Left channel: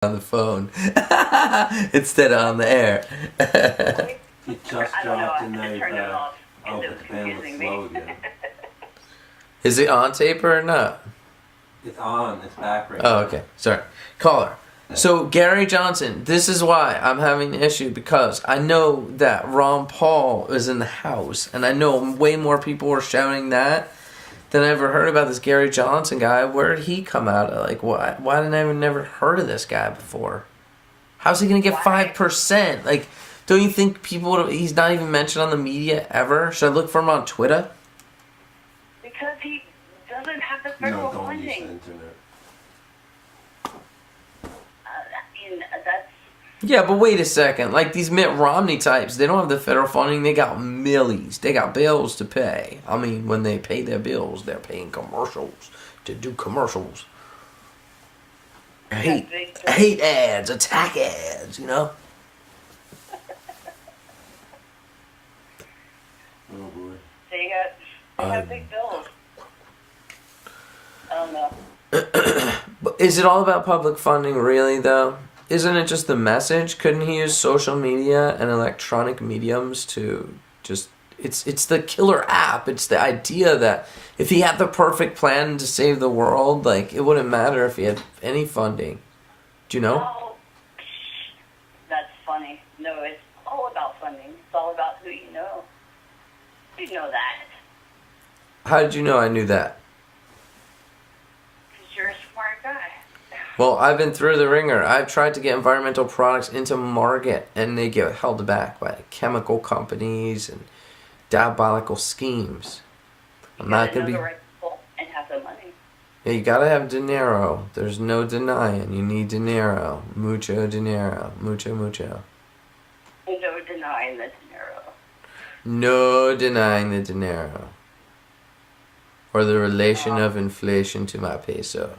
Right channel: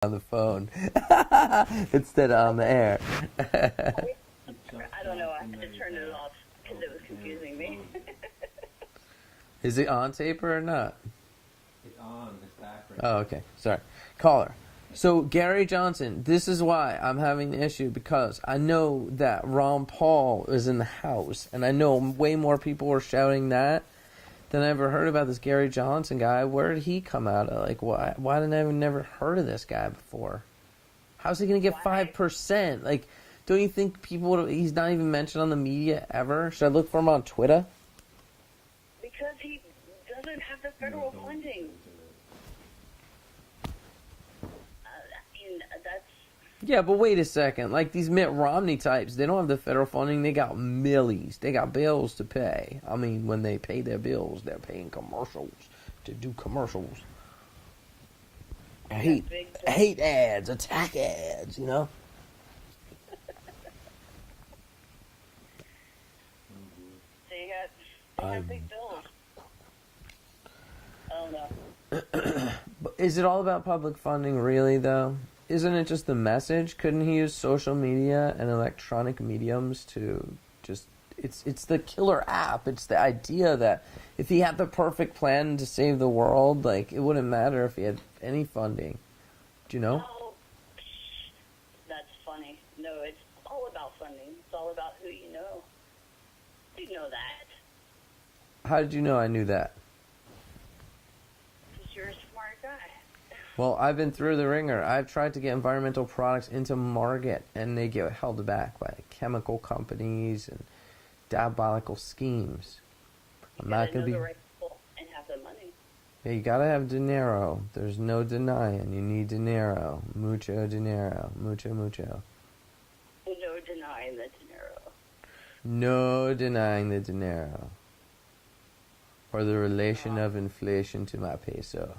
on the phone instead of on the air. It just I don't know, dropped I and had to they've, turn it off oh, because it but was the band was confusing me. slow again. Is it on tape or not? It's on, it's back right Oh, now. okay. Sorry. Caller. So, Gary Johnson, this is why I'm having the issue, because I know that Ron Paul is in the house, and I know way more people were shouting that than I ever heard about this Gary Johnson guy. Where did he come out of? Like, why didn't I even never heard of this guy before? How's he going to get 5%? Like, don't you think he's not even mentioned on the media ever? Should I look for him on Twitter? Because he doesn't have the No, federal don't use the funding. internet. I mean, that's Yeah, but wait a second. Like, these Mitt Romney types, they don't have the federal funding. They got millies. They got bills to pay. I mean, when they pay their bills, they're paying commercials to do commercials. I hate ads, attack ads, you know? Oh boy. they have big bills. I don't know. But is it all about public funding, really, though? Isn't it just the message? Couldn't he use social media and electronic mediums to just... It's the killer app. It's the idea that if he had the perfect plan to save the world, like, it wouldn't matter if he had any funding. Do you know? Oh, that's funny. No, it's all about funding. It's all about who you know. You know that. How did you know I knew that? Because you're a smart guy. Well, I've been through the ringer. I've tried to get environmental products into market, and they get held back by chemical companies and diabolical schemes. I'm not going to be... the right people and have the money. Yeah, you gotta have dinero. There's no denying. You need dinero. Mucho dinero. Mucho, mucho. No denying the dinero. No denying the dinero. Or the relation of inflation to my peso.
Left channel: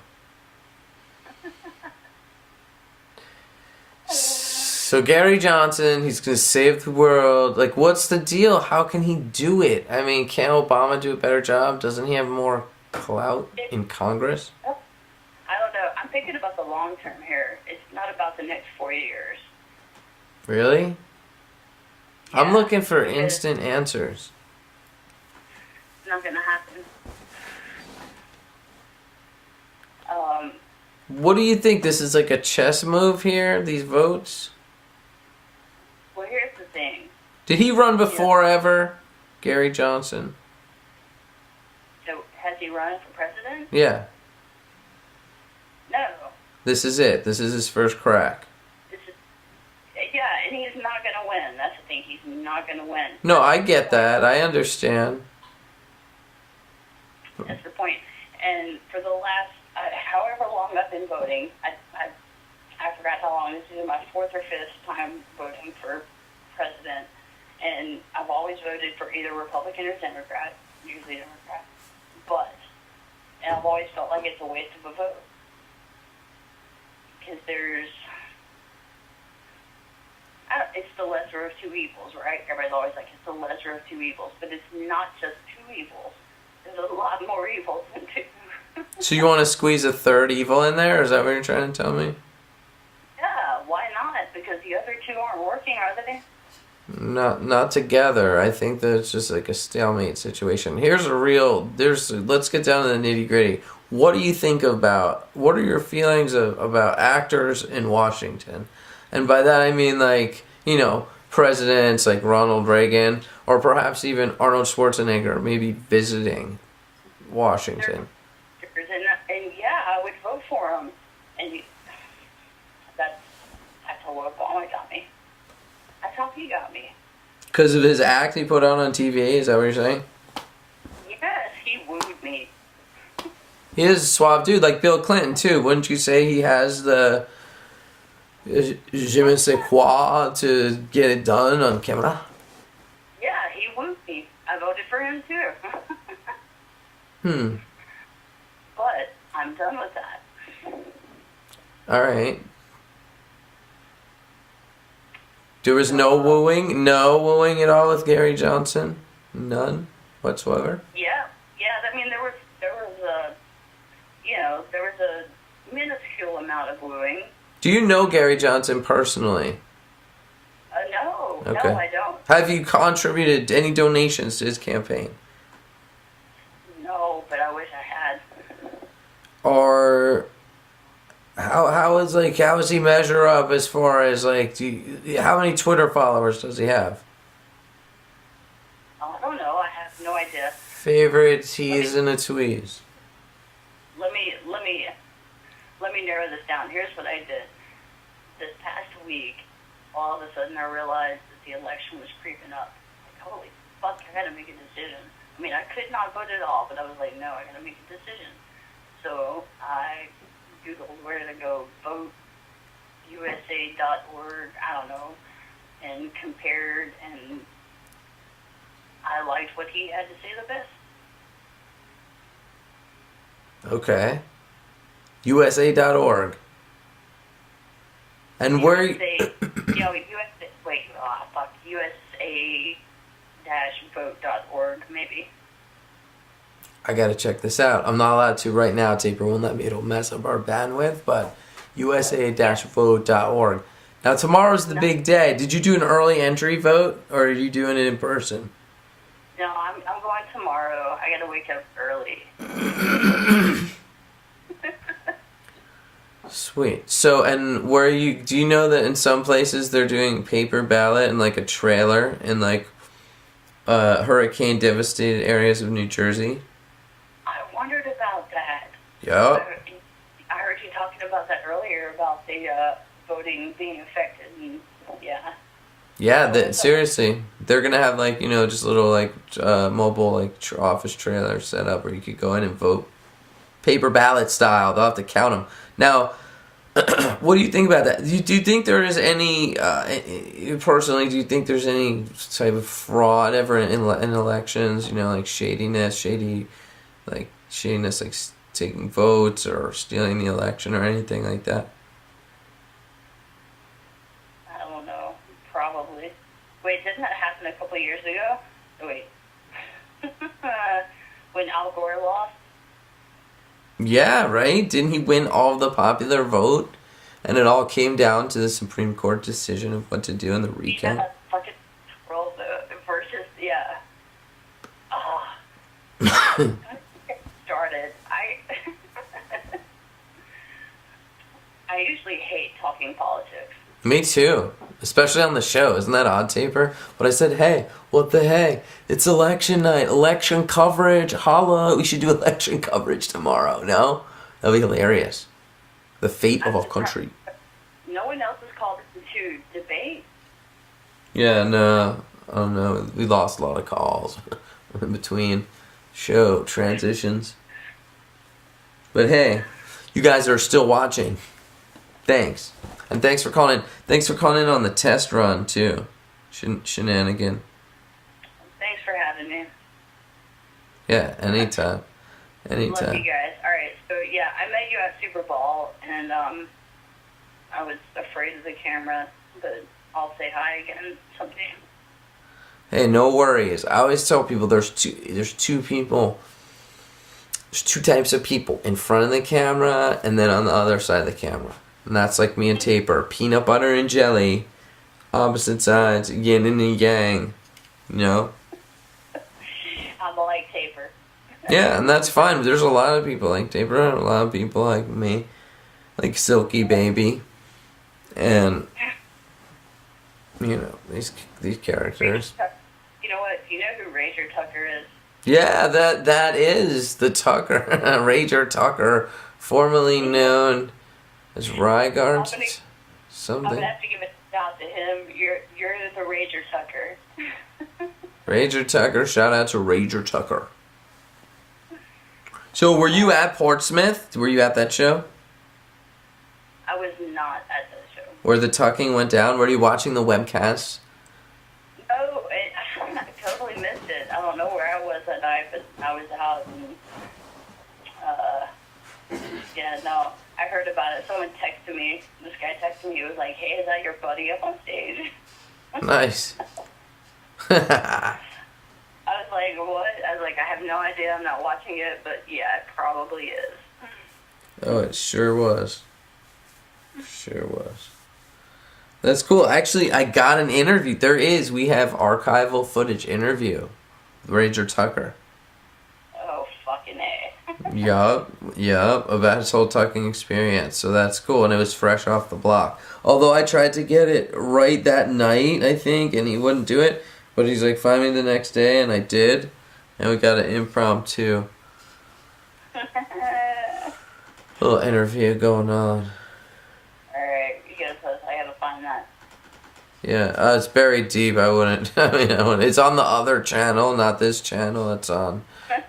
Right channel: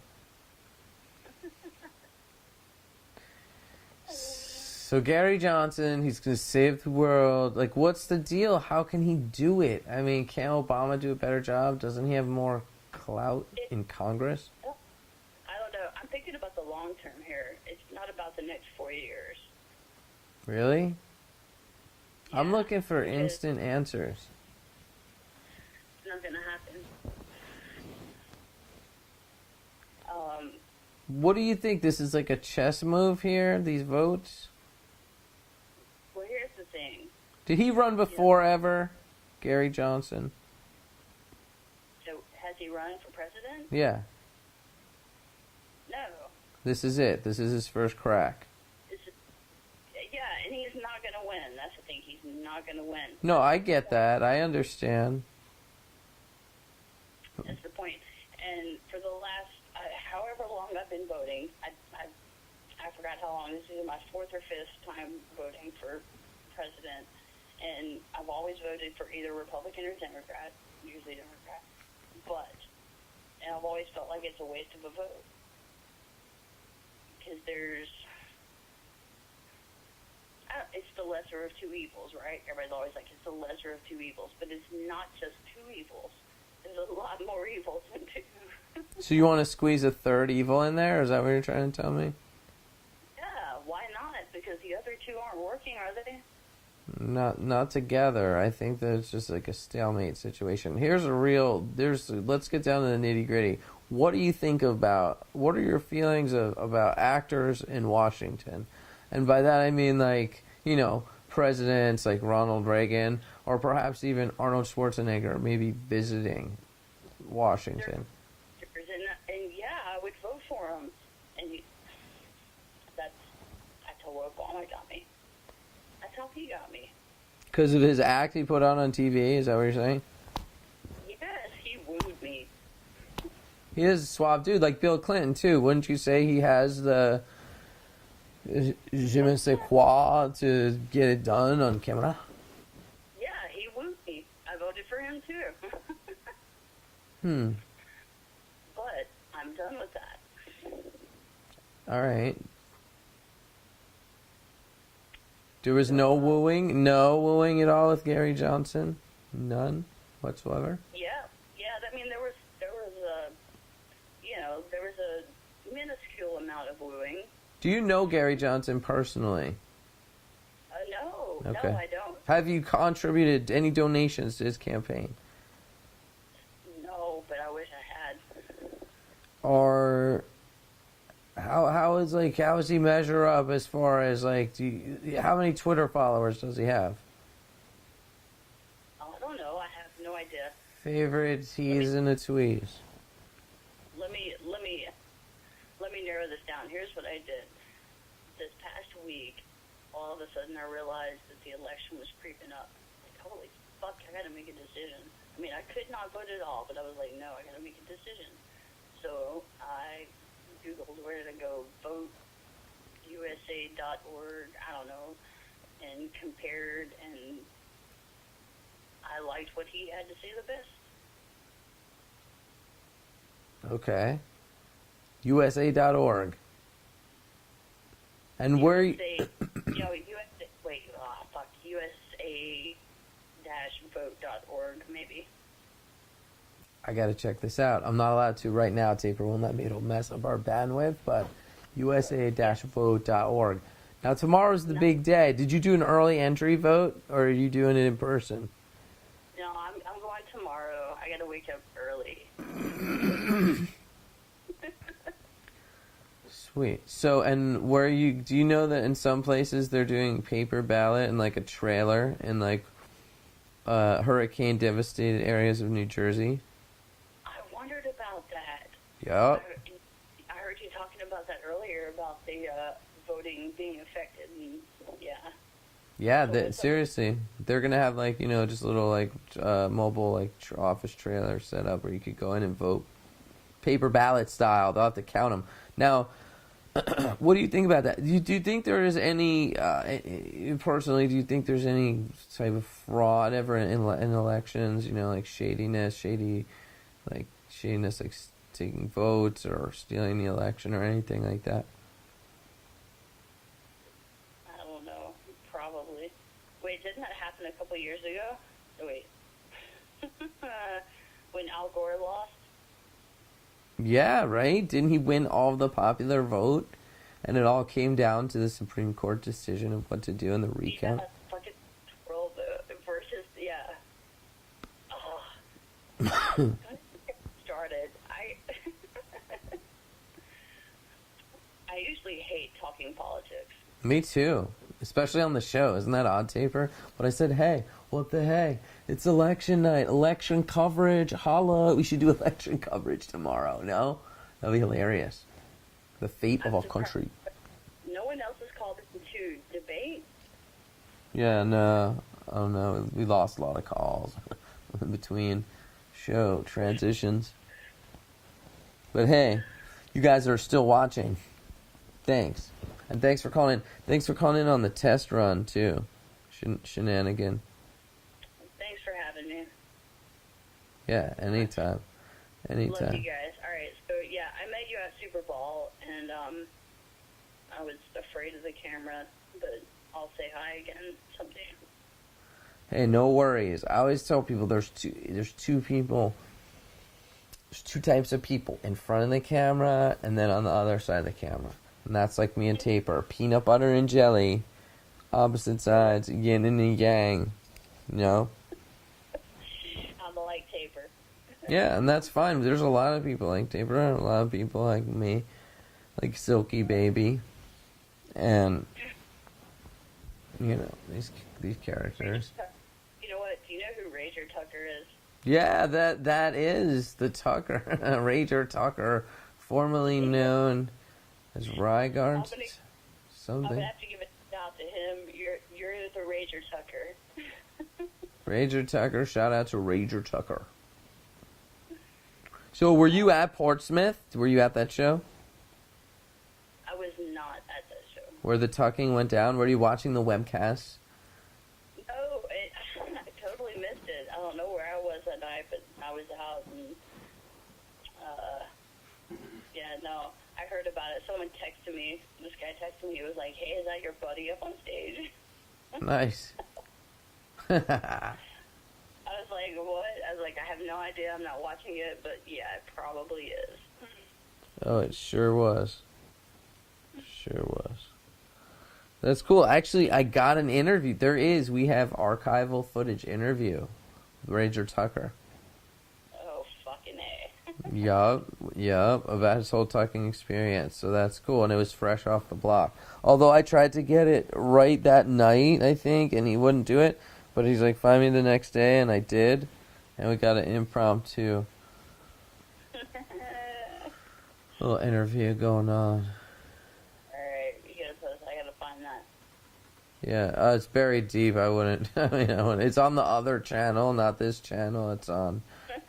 So Gary Johnson, he's gonna save the world. Like, what's the deal? How can he do it? I mean, can't Obama do a better job? Doesn't he have more clout in Congress? I don't know. I'm thinking about the long term here. It's not about the next 4 years. Really? I'm Yeah, looking for it is. instant answers. It's not going to happen. What do you think? This is like a chess move here, these votes? Well, here's the thing. Did he run before ever? Gary Johnson? So, has he run for president? Yeah. No. This is it. This is his first crack. This is, yeah, and he's not going to win. That's the thing. He's not going to win. No, I get that. I understand. That's the point. And for the last, however long I've been voting, I forgot how long. This is my fourth or fifth time voting for president, and I've always voted for either Republican or Democrat, usually Democrat. And I've always felt like it's a waste of a vote because it's the lesser of two evils, right? Everybody's always like it's the lesser of two evils, but it's not just two evils. There's a lot more evils than two. So you want to squeeze a third evil in there? Is that what you're trying to tell me? Yeah, why not? Because the other two aren't working, are they? Not together. I think that it's just like a stalemate situation. Let's get down to the nitty gritty. What do you think what are your feelings about actors in Washington? And by that I mean, like, presidents like Ronald Reagan, or perhaps even Arnold Schwarzenegger maybe visiting Washington. And yeah, I would vote for him. And that's how Obama got me. That's how he got me. Because of his act he put on TV, is that what you're saying? Yes, he wooed me. He is a suave dude, like Bill Clinton too. Wouldn't you say he has the je ne sais quoi to get it done on camera? Yeah, he wooed me. I voted for him too. But I'm done with that. All right. There was no wooing at all with Gary Johnson? None whatsoever? Yeah. I mean, there was a minuscule amount of wooing. Do you know Gary Johnson personally? No, Okay. no, I don't. Have you contributed any donations to his campaign? No, but I wish I had. Or how does he measure up as far as like how many Twitter followers does he have? I don't know. I have no idea. Favorite teas and a tweeze. Let me narrow this down. Here's what I did. This past week, all of a sudden I realized that the election was creeping up. Like, holy fuck, I gotta make a decision. I mean, I could not vote at all, but I was like, no, I gotta make a decision. So I Googled where to go vote, USA.org, I don't know, and compared, and I liked what he had to say the best. Okay. USA.org. And where? USA, USA-vote.org, maybe. I gotta check this out. I'm not allowed to right now. Taper won't let me. It'll mess up our bandwidth. But USA-vote.org. Now tomorrow's the big day. Did you do an early entry vote, or are you doing it in person? No, I'm going tomorrow. I gotta wake up early. Sweet. So, and where do you know that in some places they're doing paper ballot in like a trailer in like hurricane devastated areas of New Jersey? I wondered about that. Yup. I heard you talking about that earlier about the voting being affected, and yeah. Yeah, seriously. They're going to have like, just little like mobile like office trailers set up where you could go in and vote. Paper ballot style. They'll have to count them. Now, what do you think about that? Do you think there is any, personally, do you think there's any type of fraud ever in elections? Like shadiness, like taking votes or stealing the election or anything like that? I don't know. Probably. Wait, didn't that happen a couple of years ago? Oh, wait. When Al Gore lost? Yeah, right? Didn't he win all the popular vote? And it all came down to the Supreme Court decision of what to do in the recount? Yeah, fucking roll the versus, yeah. Started. I usually hate talking politics. Me too. Especially on the show. Isn't that odd, Taper? But I said, hey, what the hey? It's election night. Election coverage. Holla. We should do election coverage tomorrow. No? That'd be hilarious. The fate of our country. No one else has called us to debate. Yeah, no. Oh, no. We lost a lot of calls in between show transitions. But hey, you guys are still watching. Thanks. And thanks for calling in. Thanks for calling in on the test run, too. Shenanigan. Thanks for having me. Yeah, anytime. Love you Anytime. guys. All right, so yeah, I met you at Super Bowl, and I was afraid of the camera, but I'll say hi again someday. Hey, no worries. I always tell people there's two people. There's two types of people. In front of the camera and then on the other side of the camera. And that's like me and Taper. Peanut butter and jelly. Opposite sides. Yin and yang. I'm like Taper. Yeah, and that's fine. There's a lot of people like Taper and a lot of people like me. Like Silky Baby. And, these characters. You know what? Do you know who Rager Tucker is? Yeah, that is the Tucker. Rager Tucker. Formerly known as Rygardt. I'm Something. gonna have to give it out to him. You're the Rager Tucker. Rager Tucker. Shout out to Rager Tucker. So were you at Portsmouth? Were you at that show? I was not at that show. Where the tucking went down? Were you watching the webcast? No, I totally missed it. I don't know where I was that night, but I was out and yeah, no. I heard about it. Someone texted me. This guy texted me. He was like, "Hey, is that your buddy up on stage?" Nice. I was like, "What?" I was like, "I have no idea. I'm not watching it, but yeah, it probably is." Oh, it sure was. Sure was. That's cool. Actually, I got an interview. We have archival footage interview. Ranger Tucker. Oh, fucking A. Yup, about his whole tucking experience. So that's cool, and it was fresh off the block. Although I tried to get it right that night, I think, and he wouldn't do it. But he's like, find me the next day, and I did. And we got an impromptu little interview going on. Alright, you gotta post. I gotta find that. Yeah, it's buried deep. I wouldn't. It's on the other channel, not this channel. It's on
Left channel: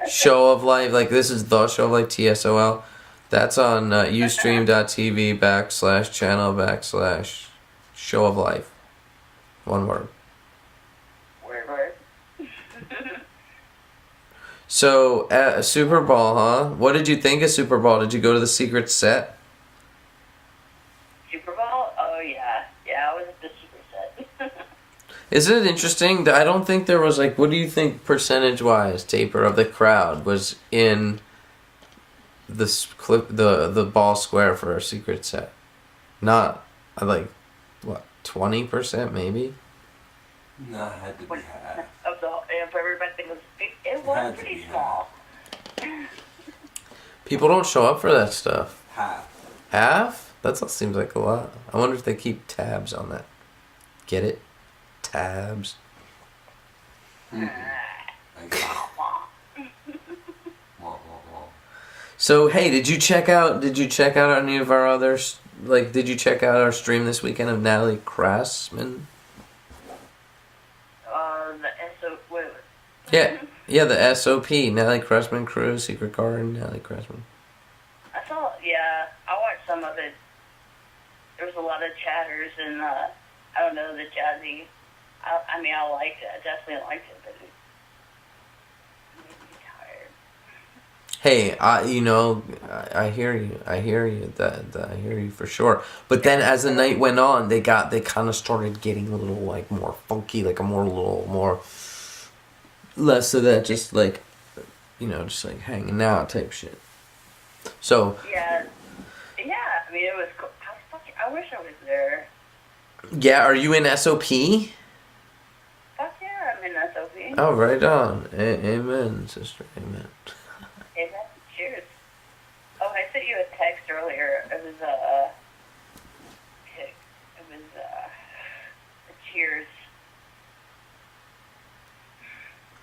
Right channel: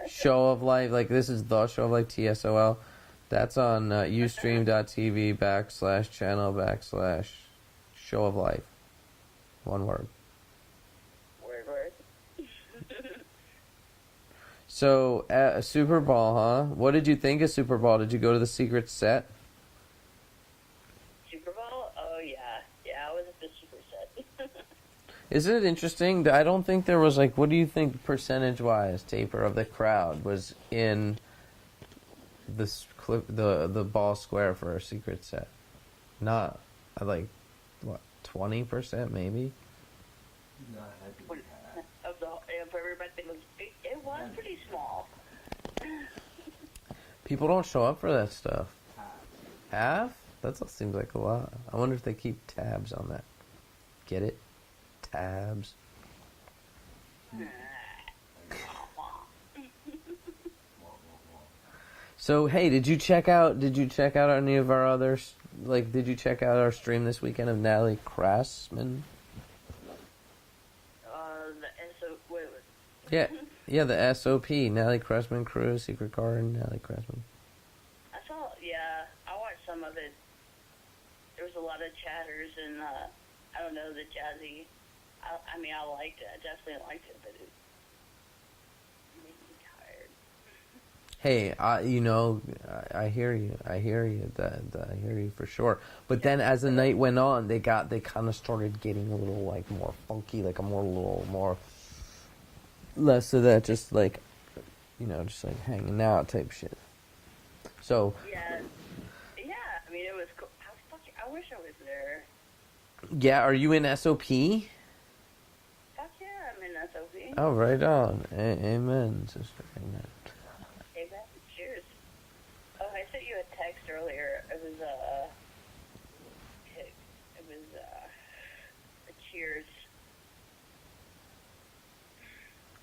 Show of Life. Like, this is the Show of Life, TSOL. That's on ustream.tv /channel /Show of Life. One word. Word. So, Super Bowl, huh? What did you think of Super Bowl? Did you go to the secret set? Super Bowl? Oh, yeah. Yeah, I was at the super set. Isn't it interesting? I don't think there was, like, what do you think percentage-wise, Taper, of the crowd was in the ball square for a secret set? Not, like, what, 20% maybe? No, it had to be half. Of everybody, it was Had to pretty be small. People don't show up for that stuff. Half. Half? That seems like a lot. I wonder if they keep tabs on that. Get it? Tabs. I got it. Wah, wah, wah. So hey, did you check out any of our others? Like, did you check out our stream this weekend of Natalie Craftsman? Yeah, the SOP, Natalie Craftsman Crew, Secret Garden, Natalie Craftsman. I watched some of it. There was a lot of chatters and, I don't know, the jazzy. I mean, I liked it. I definitely liked it, but it made me tired. Hey, I hear you. I hear you for sure. But then as the night went on, they kind of started getting a little like more funky, like a little more less of that, just like, just like hanging out type shit. So Yeah. I mean, it was cool. I wish I was there. yeah, are you in SOP? Fuck yeah, I'm in SOP. Oh, right on. Amen, sister. Amen. Hey, cheers. Oh, I sent you a text earlier. It was a cheers.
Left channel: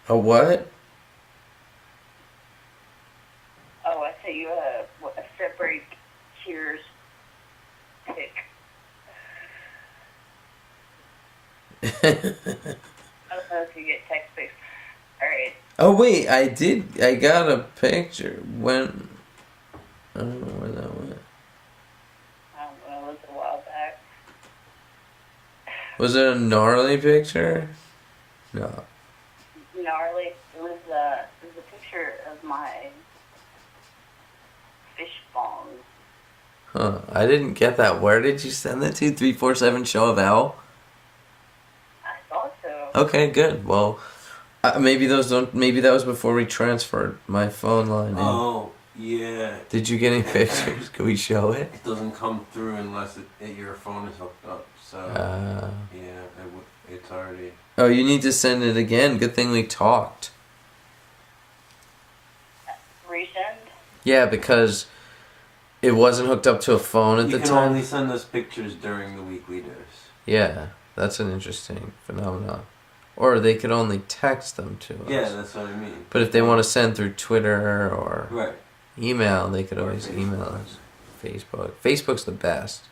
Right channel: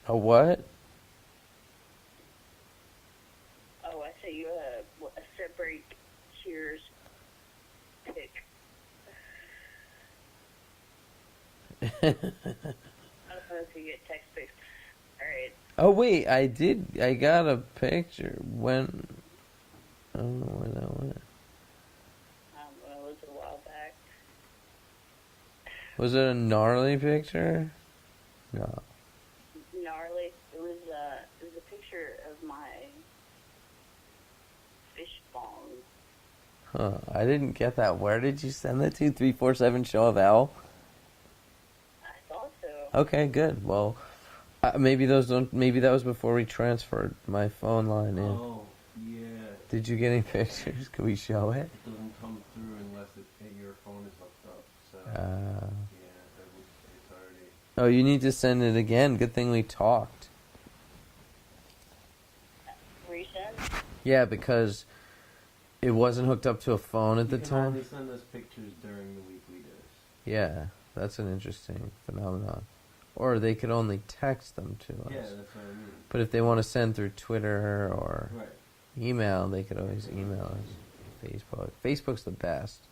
A what? Oh, I sent you a separate cheers pic. I don't know if you get text pics. All right. Oh wait, I got a picture when. I don't know where that went. I don't know. It was a while back. Was it a gnarly picture? No. Gnarly. It was a picture of my fish bong. Huh. I didn't get that. Where did you send that to? 347 Show of L? I thought so. Okay, good. Well, maybe that was before we transferred my phone line in. Oh, yeah. Did you get any pictures? Can we show it? It doesn't come through unless your phone is hooked up. So, yeah, it's already... Oh, you need to send it again. Good thing we talked. Recent? Yeah, because it wasn't hooked up to a phone at You the can time. only send us pictures during the weekly dose. Yeah, that's an interesting phenomenon. Or they could only text them to us. Yeah, that's what I mean. But if they want to send through Twitter or Right. email, they could Or always Facebook. email us. Facebook. Facebook's the best.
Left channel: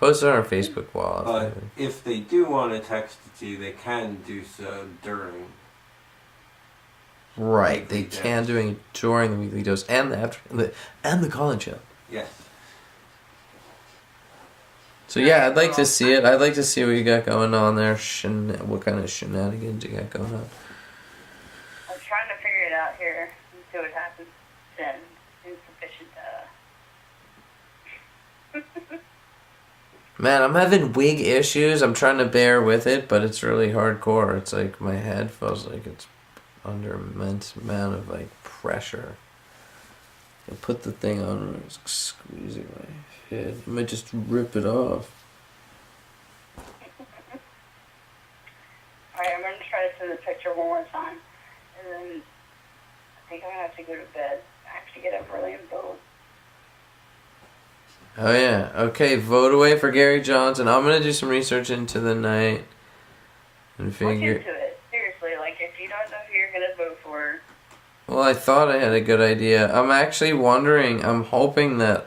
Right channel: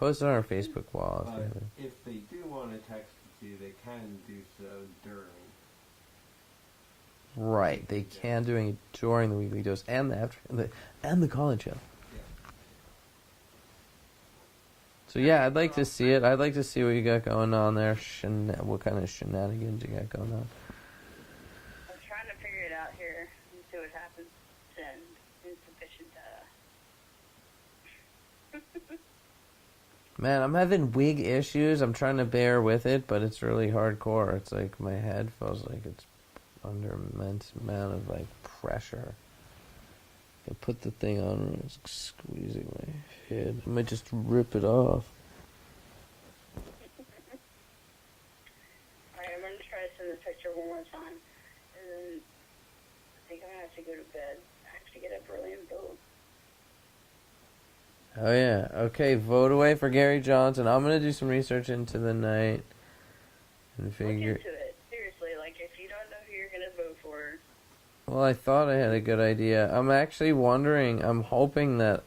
Post it on our Facebook wall. But if they do want to text it to you, they can do so during. Right, they Weekly can dose. do it during the weekly dose and the call-in show. Yes. So yeah, I'd like to see it. I'd like to see what you got going on there. What kind of shenanigans you got going on? I'm trying to figure it out here and see what happens. Send insufficient Man, I'm having wig issues. I'm trying to bear with it, but it's really hardcore. It's like my head feels like it's under immense amount of like pressure. I put the thing on and it's squeezing my head. I might just rip it off. Alright, I'm gonna try to send the picture one more time. And then I think I'm gonna have to go to bed. I have to get up early and vote. Oh yeah. Okay, vote away for Gary Johnson. I'm gonna do some research into the night and Look figure. into it. Seriously, like if you don't know who you're gonna vote for, Well, I thought I had a good idea. I'm actually wondering. I'm hoping that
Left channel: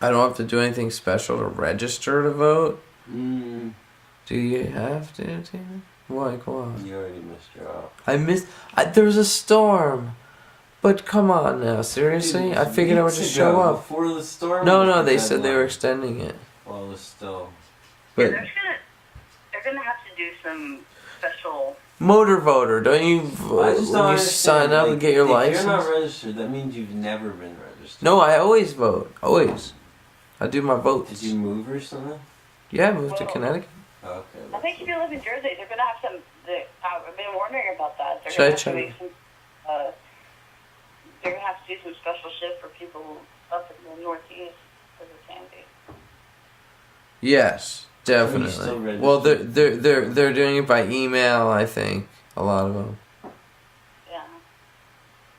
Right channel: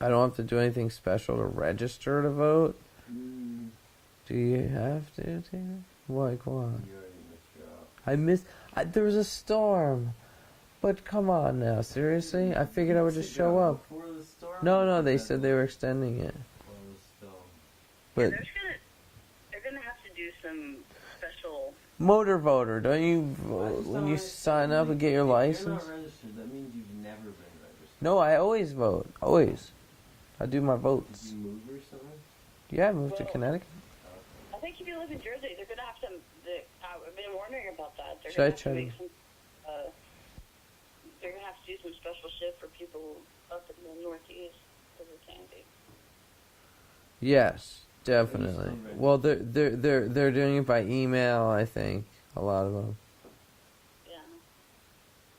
I don't have to do anything special to register to vote. Do you have to, Tina? Why? Go on. You already missed your op. I missed. There was a storm. But come on now, seriously? Dude, I figured I would just weeks show ago, up. Before the storm. No, was no, the they said they were deadline. extending it. Well, it was still. yeah, But they're gonna have to do some special. motor voter, don't you? I just don't When you sign understand, up like, and get your if license. you're not registered, that means you've never been registered. No, I always vote. Always. I do my votes. Did you move or something? Yeah, I moved to Well, Connecticut. Okay. I think if you live in Jersey, they're gonna have some. I've been wondering about that. They're Should gonna I have to check? make some. They're gonna have to do some special shit for people up in the Northeast because of Sandy. Yes, still definitely. Well, they're doing it by email. I think a lot of them Yeah.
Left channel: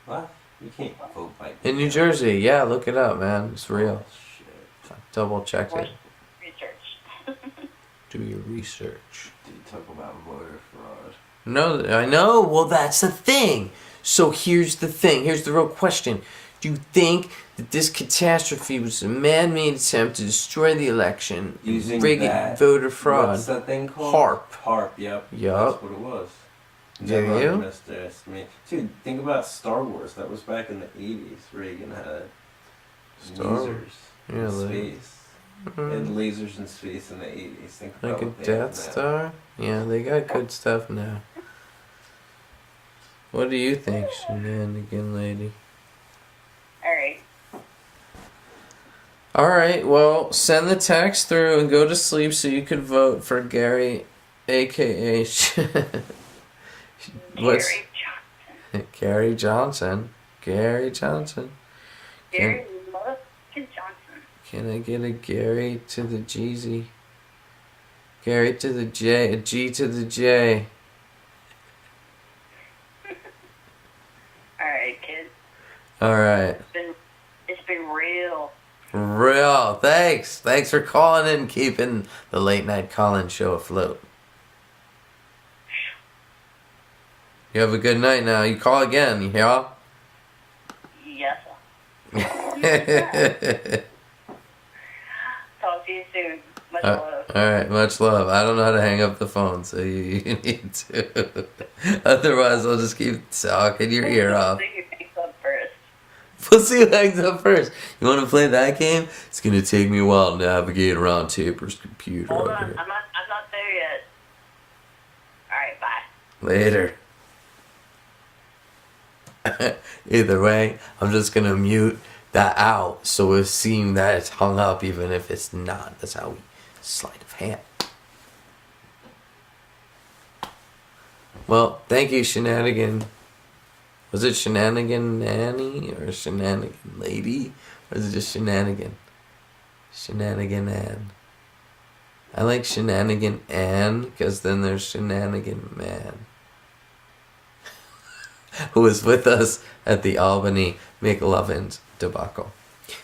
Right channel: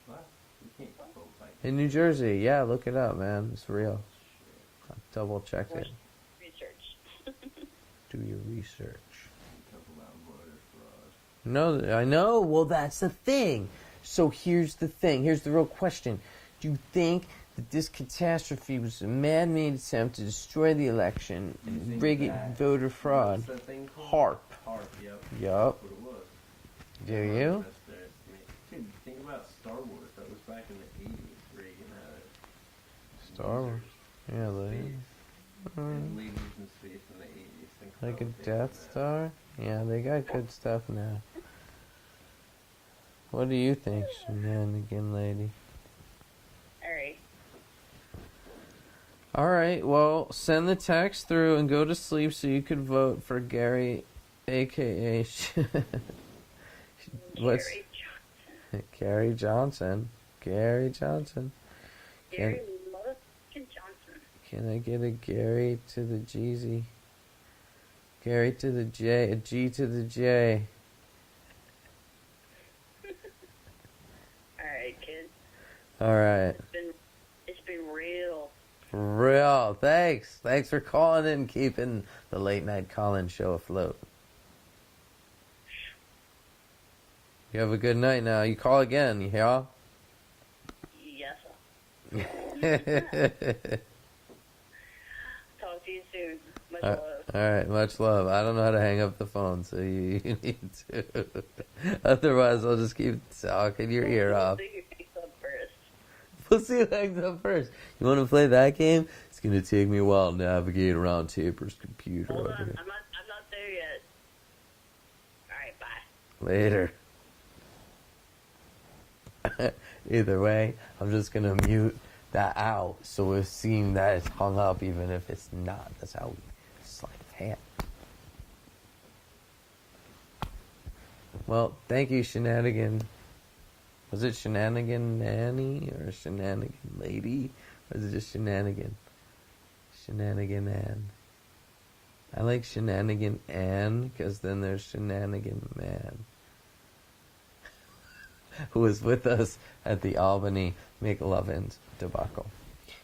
What? You can't vote by. in New Jersey. Yeah, look it up, man. It's real. Oh, shit. Double check it. Research. Do your research. Dude, talk about voter fraud. No, I know. Well, that's the thing. So here's the thing. Here's the real question. Do you think that this catastrophe was a man-made attempt to destroy the election, Using rig it, that- voter fraud? What's that thing called? HARP. HARP, yep. Yup. That's what it was. Do Never you? underestimate. Dude, think about Star Wars. That was back in the 80s. Reagan had Star Wars. lasers Yeah, in like- space. And lasers in space in the 80s. Think Like about a what they have Death now. Star? Yeah, they got good stuff now. What do you think, shenanigan lady? Alright. Alright, well, send the text through and go to sleep so you could vote for Gary, aka. What's. Gary Johnson. Gary Johnson. Gary Johnson. Gary motherfucking Johnson. Can I get a Gary to the Jeezy? Gary to the J, a G to the J. Alright, kid. Alright. It's been real. Real. Thanks. Thanks for calling in and keeping the late night call-in show afloat. You have a good night now. You call again, you hear? Yes. Talk to you soon. Much love. Alright, much love. I don't know how to hang up the phone, so you need to. Otherwise, I'll just keep talking your ear off. See who picks up first. We'll see who hangs up first. You want to play that game? It's going to take me a while to navigate around Taper's computer. Hold over on. here. I'm not there yet. Alright, bye. Later. Either way, I'm just going to mute that out so it seems that it's hung up even if it's not. That's how we sleight of hand. Well, thank you, Shenanigan. Was it Shenanigan Nanny or Shenanigan Lady? Or is it just Shenanigan? Shenanigan Ann. I like Shenanigan Ann because then there's Shenanigan Man. Who was with us at the Albany McLovin debacle.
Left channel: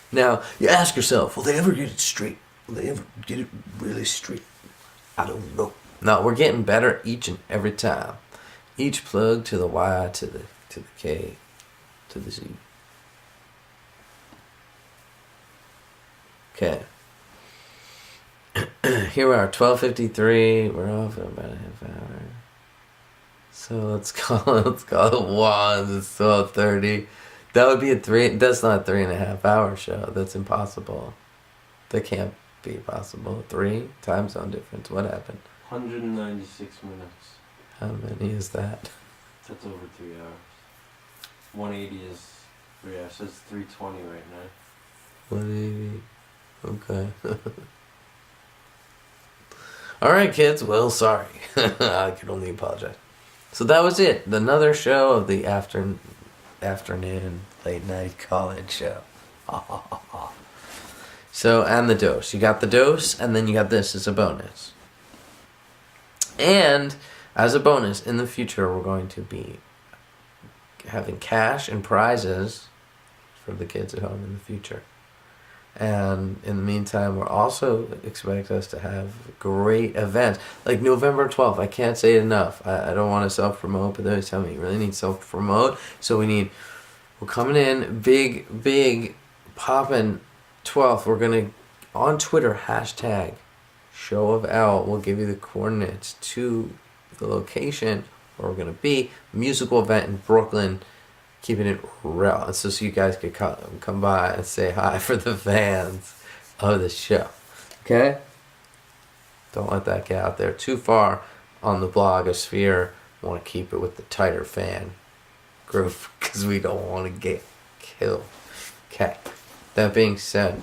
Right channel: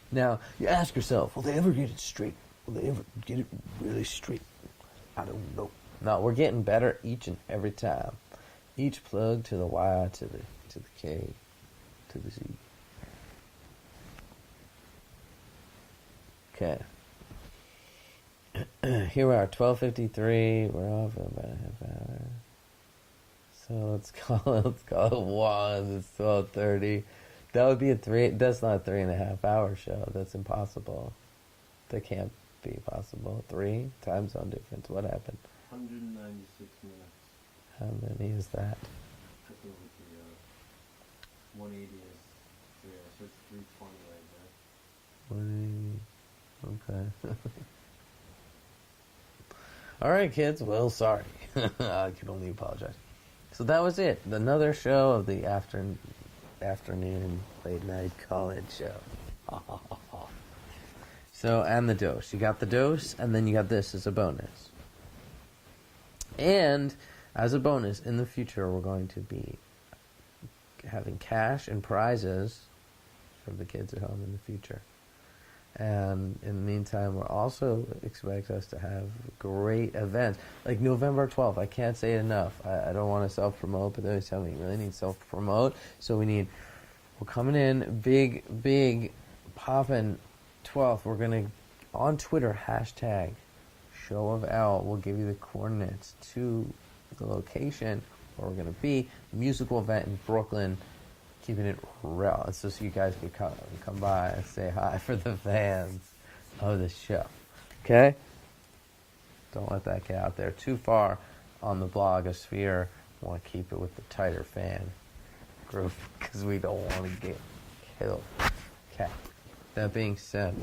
Now, you ask yourself, will they ever get it straight? Will they ever get it really straight? I don't know. No, we're getting better each and every time. Each plug to the Y to the K to the Z. Okay. Here we are, 12:53. We're off in about a half hour. So let's call it 1. It's 12:30. That would be a 3. That's not a 3.5 hour show. That's impossible. That can't be possible. 3 time zone difference. What happened? 196 minutes. How many is that? That's over 3 hours. 180 is 3 hours. So it's 320 right now. 180. Okay. All right, kids. Well, sorry. I can only apologize. So that was it. Another show of the afternoon late night call-in show. So, and the dose. You got the dose, and then you got this as a bonus. And as a bonus, in the future, we're going to be having cash and prizes for the kids at home in the future. And in the meantime, we're also expect us to have great events. Like November 12th, I can't say it enough. I don't want to self-promote, but they always tell me you really need self-promote. So we're coming in big, popping 12th. We're going to, on Twitter, hashtag Show of L. We'll give you the coordinates to the location where we're going to be. Musical event in Brooklyn. Keeping it real. And so you guys could come by and say hi for the fans of the show. Okay? Don't let that get out there too far on the blogosphere. I want to keep it with the tighter fan group because we don't want to get killed. Okay. That being said,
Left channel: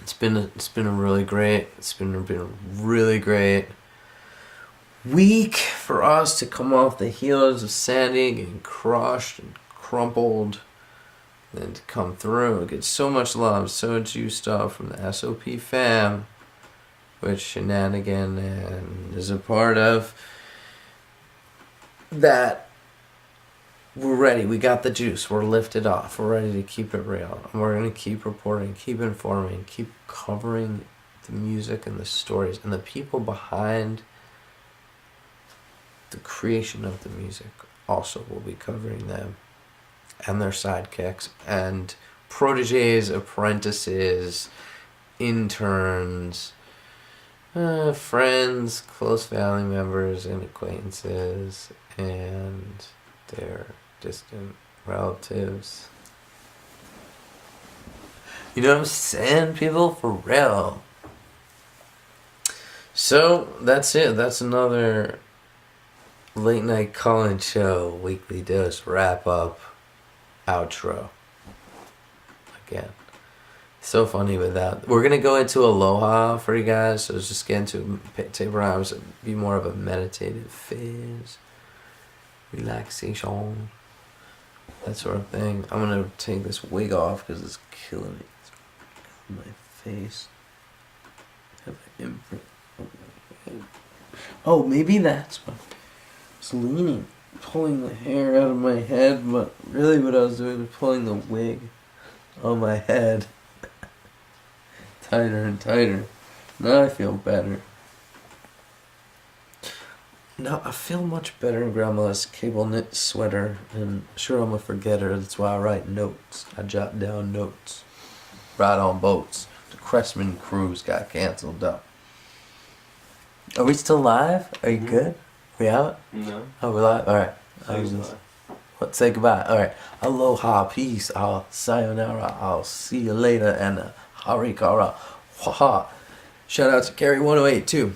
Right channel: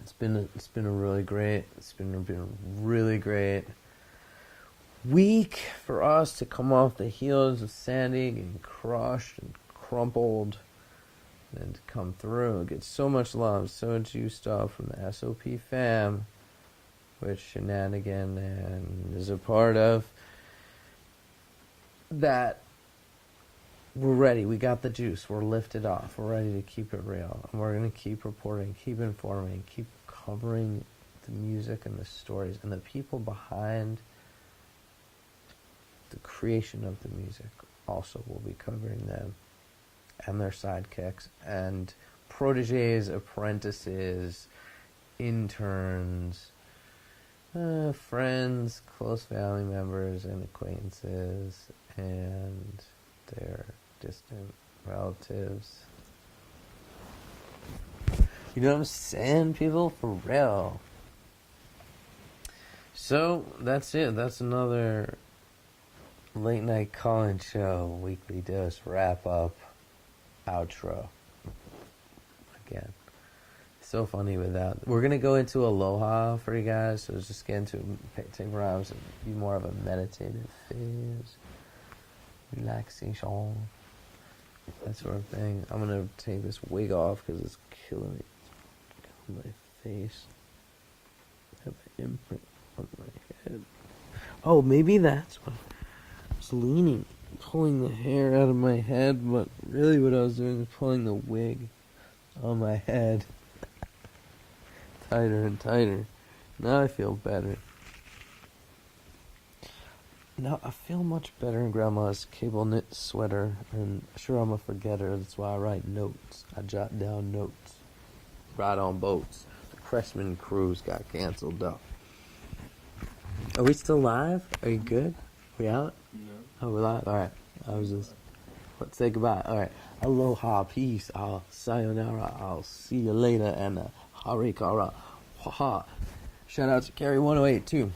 it's been a really great week for us to come off the heels of Sandy, getting crushed and crumpled, and to come through and get so much love, so juiced up from the SOP fam, which Shenanigan and is a part of. That we're ready. We got the juice. We're lifted off. We're ready to keep it real. And we're going to keep reporting, keep informing, keep covering the music and the stories and the people behind the creation of the music. Also, we'll be covering them and their sidekicks and proteges, apprentices, interns, friends, close family members and acquaintances, and their distant relatives. You know what I'm saying, people? For real. So, that's it. That's another Late Night Call-In Show, Weekly Dose, wrap-up, outro. Again. So funny with that. We're going to go into Aloha for you guys, so let's just get into take rhymes, be more of a meditative phase, relaxation, that sort of thing. I'm going to take this wig off because it's killing me. It's killing my face. I have an imprint on my head. Oh, maybe that's what I was leaning, pulling the hair out of my head, but really what I was doing was pulling the wig on my head. Tighter and tighter. Now I feel better. Now I feel much better in Grandma's cable knit sweater, and sure I'm a forgetter, that's why I write notes. I jot down notes. Ride on boats. The Crestman cruise got canceled up. Are we still live? Are you good? We out? No. Oh, we're live? Alright. Let's say goodbye. Alright. Aloha, peace, sayonara, I'll see you later, and harikara. Shout out to Carrie 108 too.